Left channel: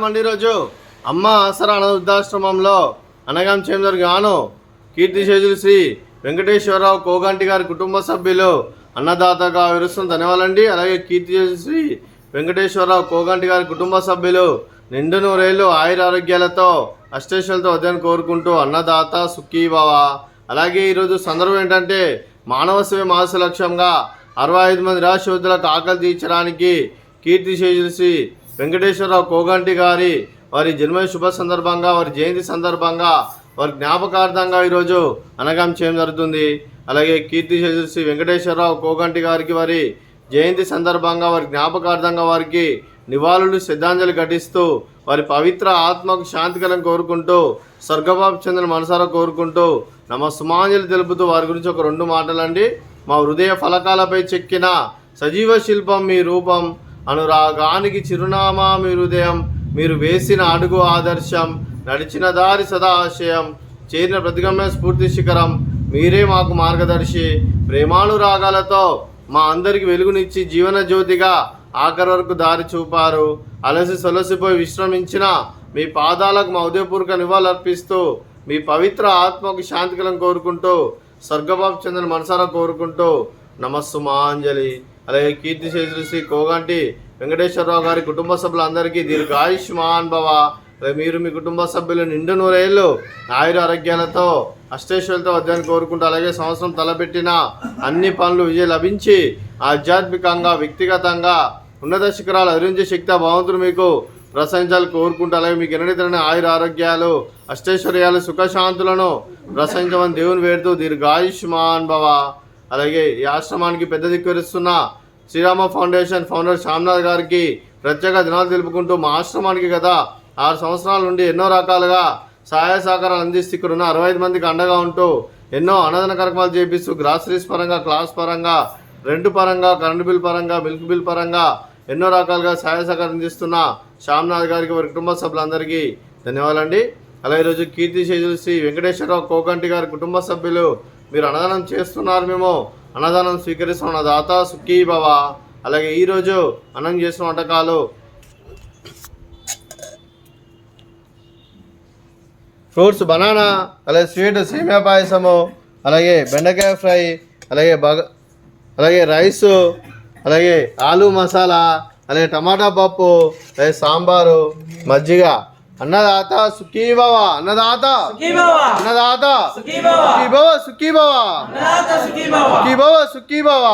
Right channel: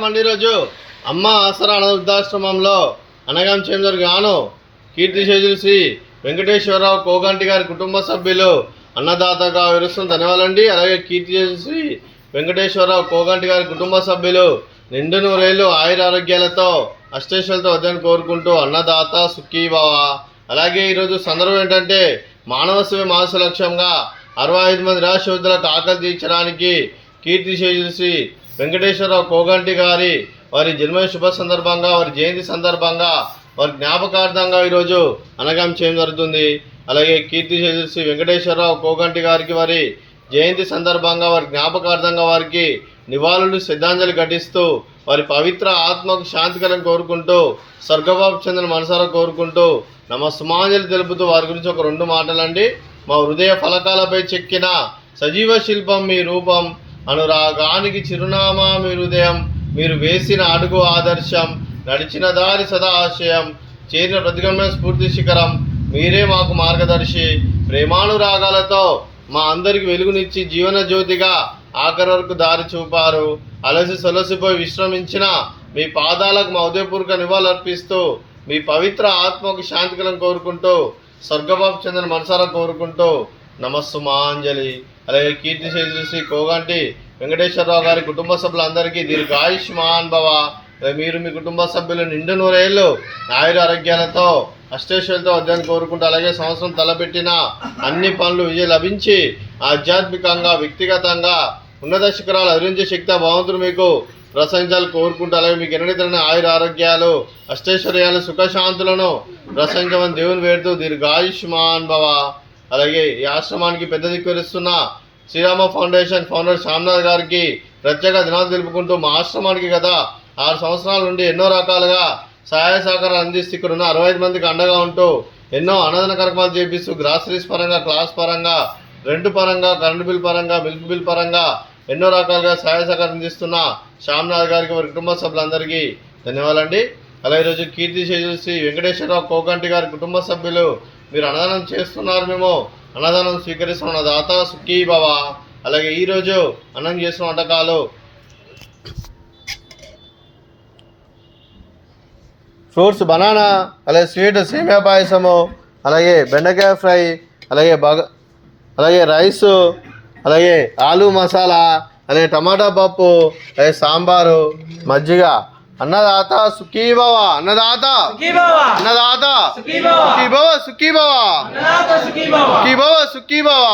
నమస్కారం ఈరోజు అమ్మ ఆసరా అనాథాశ్రమంలో అనగాం చేందర్ గాను కీర్తిశేషులు శ్రీ వెంకటేశ్వరరావు కోగంటి గారి కుటుంబ సభ్యులు అన్నదాతగా విరుస్తున్న ధన్యవాదాలండి. అలాగే కీర్తిశేషులు శ్రీ వెంకటేశ్వరరావు కోగంటి గారి కుటుంబ సభ్యులు నిండు నూరేళ్ళు ఆయురారోగ్యాలతో అష్టేశ్వరులతో వద్దని కోరుకుంటూ అన్నదాత సుఖీభవ. అలాగే ఈరోజు సందర్భం ఏంటంటే మానవ సేవ మాస లక్ష్యంగా 65 మంది నిరాశ్రయులకు ఆకలి తీర్చడానికి కీర్తిశేషులు శ్రీ వెంకటేశ్వరరావు కోగంటి గారి వారి జన్మ శుభ సందర్భంగా వారి జయంతి సందర్భంగా వారి జ్ఞాపకార్థంగా ఈరోజు అనగాం చేయడం జరుగుతుంది. అలాగే కీర్తిశేషులు శ్రీ వెంకటేశ్వరరావు కోగంటి గారికి వారి జయంతి సందర్భంగా వారి జ్ఞాపకార్థంగా వారికి నివాళులు శ్రద్ధాంజలి ఘటిస్తూ వారి పవిత్ర ఆత్మకు శాంతికరం కోరుకుంటూ స్వర్గబాబు చంద్ర మనసారా కోరుకుంటూ నమస్సుమాంజలి తెలుపుతూ వారి గురించి ఒక 2 మాటలండి. మా హృదయ ఫలకాలపై చెక్కిన సజీవ శిల్పం మీ రూపం, అనురాగానికి చిరునామా మీ హృదయం, మీరు వేసిన అడుగు ఆదర్శం, నడిచిన దారి సదా ఆశయం, చేరిన ప్రతిగమ్య స్ఫూర్తి శిఖరం, మీరే మాకు మార్గదర్శి. ప్రేమానురాగాలతో మా అందరికి వెలుగునిచ్చి జీవన జ్యోతిగా ఆఖరి వరకు దారి చూపారు. అలసి సొలసిపోయి విశ్రమించిన మీ పాదాలకు మా ఉదయపూర్వక నివాళులర్పిస్తూ మీ పవిత్ర ఆత్మకు శాంతికలం కోరుకుంటూ స్వర్గబాబు చంద్ర మనసారా కోరుకుంటూ నమస్సుమాంజలి. అలాగే కీర్తిశేషులు శ్రీ కోగంటి వెంకటేశ్వరరావు గారి కుటుంబ సభ్యులందరికీ దీర్ఘాయుష్మాన్ భవ. మీరు మీ కుటుంబ సభ్యులు నిండు నూరేళ్ళు ఆయుర ఆరోగ్యాలతో అష్టేశ్వరులతో వద్దని కోరుకుంటూ అలాగే సంవత్సరం తలపెట్టిన అన్ని పనులు విజయం లభించి ఆధ్యాత్మికంగా వ్యక్తిగతంగా ఉన్నత శిఖరాలు అధిరించే శక్తి భగవంతుడు మీకు ప్రశంసాలు కోరుకుంటూ అలాగే మీకు ఎన్నడైతే ఆయుర ఆరోగ్యాలు అష్టైశ్వర్యాలు సుఖశాంతులను ప్రశంసమని దేవుని వేడుతూ దీర్ఘాయుష్మాన్ భవ. అలాగే ఈ ఆశ్రమానికి పెద్ద దిక్కువరిస్తున్న శ్రీరామ ఫౌండేషన్ ఫౌండర్ శ్యామ్నాథ్ గారికి ప్రత్యేక దినాలు తెలుపుకుంటూ మా ఆశ్రమానికి గత 6 సంవత్సరాల నుండి ఎన్నో రకాలుగా సహాయ సహకారాలు అందిస్తూ ఇక్కడ ఉన్న 65 మందికి అండగా ఉంటూ ఎన్నో అన్నదాన కార్యక్రమాలు చేపిస్తూ గ్రాసరీస్ పరంగా, క్లాస్ పరంగా, రెంట్ పరంగా, కరెంటు బిల్ పరంగా, మిల్క్ బిల్ పరంగా ఎన్నో రకాలుగా సహాయ సహకారం అందిస్తున్న శ్యామ్నాథ్ గారికి వారి కుటుంబ సభ్యులందరికీ ధన్యవాదాలండి. అలాగే ఈరోజు కీర్తిశేషులు శ్రీ వెంకటేశ్వరరావు కోగంటి గారి కుటుంబ సభ్యులు మీరు అన్నదానం చేస్తున్నారు, మేము అన్నదానం స్వీకరిస్తున్న దాత సుఖీభవ. అలాగే ఈరోజు అన్నం చేసిన వంటకాలు ఫ్రూట్స్ బనానా, అలాగే స్వీట్ సేమియా పాయసము, అలాగే బెండకాయ ఫ్రై, అలాగే రైసు, అలాగే ఆలు మసాలా, అలాగే టమాటా పప్పు, అలాగే సాంబారు, మజ్జిగ. అన్నదాత సుఖీభవ, అన్నదాత అన్నదాత సుఖీభవ, సుఖీభవ సుఖీభవ సుఖీభవ.